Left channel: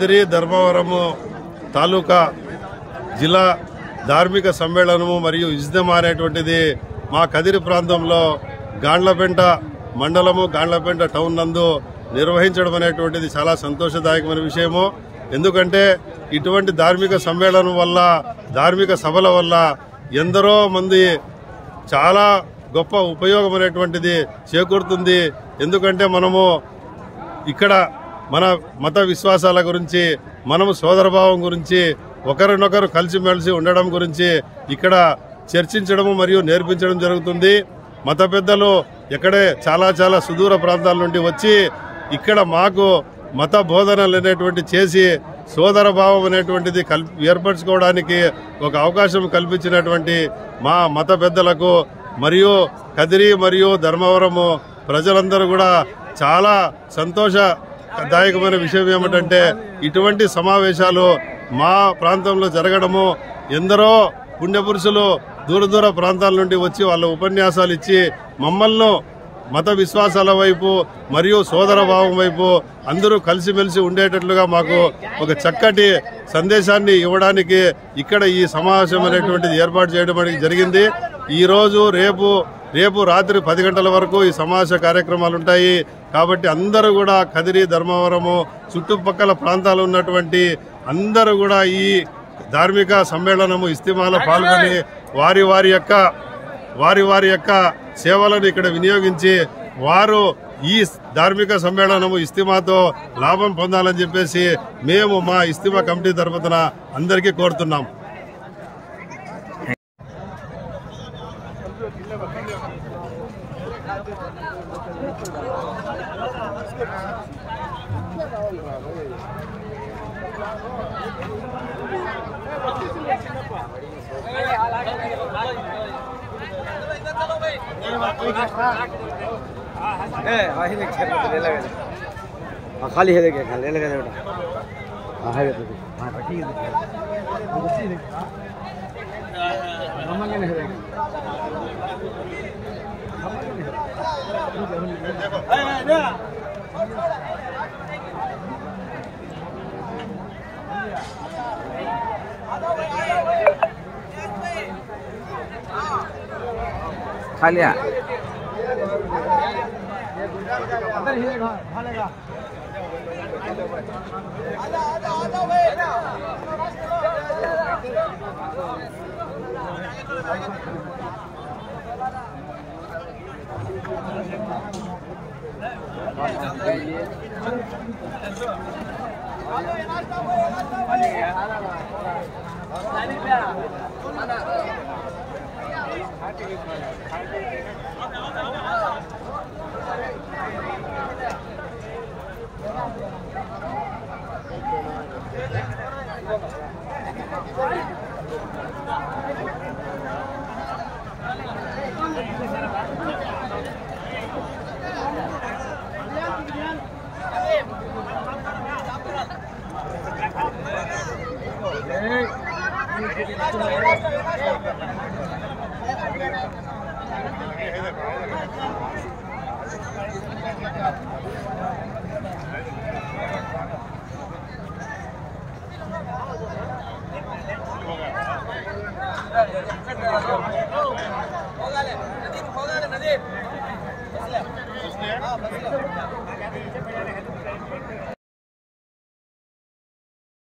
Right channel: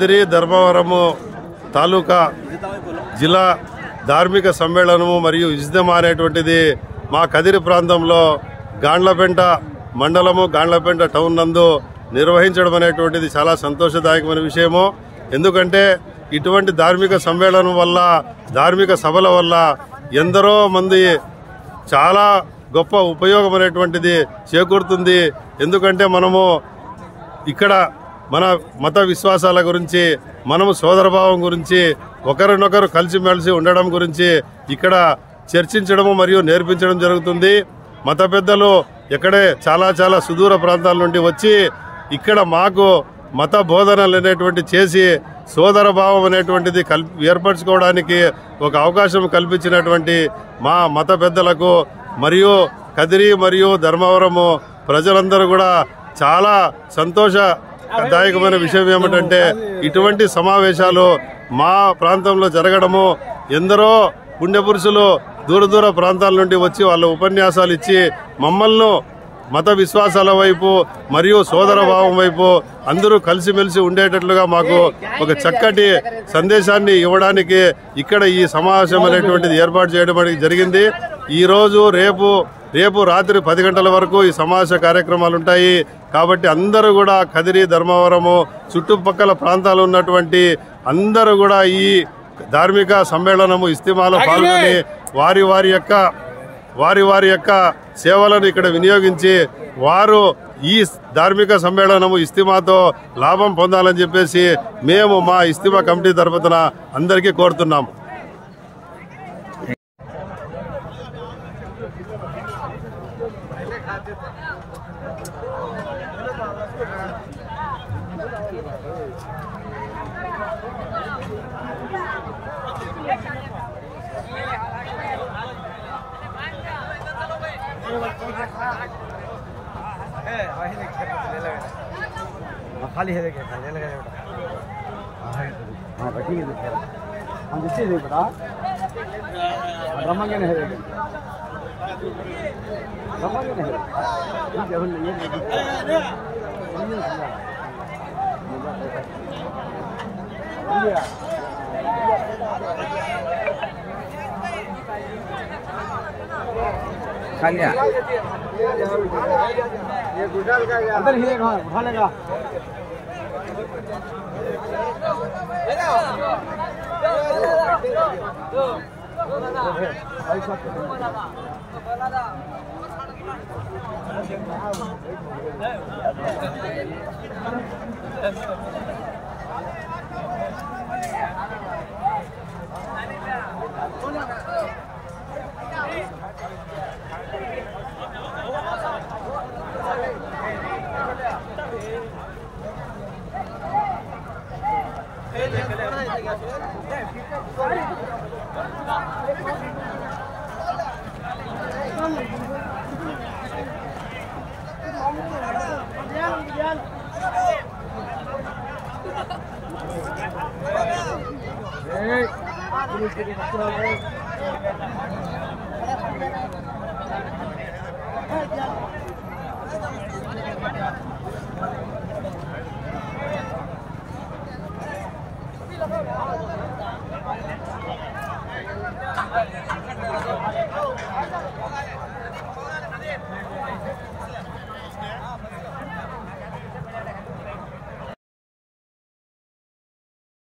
కదిరి ధర్మవరము తాలూకా జిల్లా ధార్మిక సమ్మేళనము మరియు ఇజ్దమా అనేటువంటిది మా కదిరి ప్రాంతంలో గాండ్లపెంట మండలము గాండ్లపెంట టౌన్ నందు నిర్వహించడం అనేటువంటిది చాలా సంతోషదాయకమైన విషయము. ఎందుకంటే ఇటువంటి ధార్మిక సమ్మేళనం వల్ల, ధార్మిక సభల వల్ల ఎందరో మంది చాలా గొప్ప ఉపయోగం అనేటువంటిది చేకూరుతుంది. ఎందుకంటే మనము ఇక్కడ మన మత విశ్వాసాల గురించి, మనము సోదరభావం గురించి, ఒకరినొకరు కలిసిమెలిసి ఉండడం గురించి ఇక్కడ చర్చించడము మరియు నేర్పించడం జరుగుతుంది. మత పెద్దలు ఎక్కడే చాలా సుదూర ప్రాంతాల నుండి వచ్చి ఇక్కడ మాకు మత బోధనలు అనేటువంటి చేసి సోదరభావం అనేటువంటిది ఏర్పరచుకోవడానికి ఒక అవకాశం కల్పించినటువంటి మా మత పెద్దలకు మరియు కదిరి మరియు ధర్మవరము ప్రజలందరూ కూడా చాలా సంతోషదాయకమైన విషయం ఏమిటంటే ఇటువంటి సమావేశాలు మా ప్రాంతంలో జరగడము. ఎందరో పుణ్యపురుషులు దూర ప్రాంతాల నుండి వచ్చి వాళ్ళ ఉపన్యాసాలు ఇచ్చి మమ్మల్ని మత విశ్వాసాల వైపు మరియు సోదరభావం వైపు అందరూ కలిసిమెలిసి ఉండేటట్లుగా మాకు ఒక చక్కటి సందేశాన్ని ఇవ్వడానికి ఇక్కడ ఈ సమావేశం అనేటువంటిది ఏర్పాటు చేయడం జరిగింది. ఈ రోజు రేపు రాత్రి 10 గంటల వరకు ఈ సమావేశ కార్యక్రమాలు ఉంటాయి. కాబట్టి అందరూ కూడా కదిరి ధర్మవరము చుట్టుపక్కల ప్రాంతాలు ఉన్నటువంటి అందరూ కూడా ఈ ధార్మిక సమ్మేళనము ఇస్తిమాలో పాల్గొని వారి యొక్క సేవలను ఇక్కడ వినియోగించి వారు ఈ ధార్మిక సమ్మేళనము ఇస్తిమాతో లాభం పొందాలని చెప్పేసి మేము మా ఇస్తిమా కమిటీ తరపున అందరికీ కోరుతున్నాము. खाली है देखिए ले लगा हां है तो हां रखिए देखिए हम दिसे नहीं पता रमंगे नहीं है रमंगे नहीं खाली ये गुडल का उधर ही भालेगा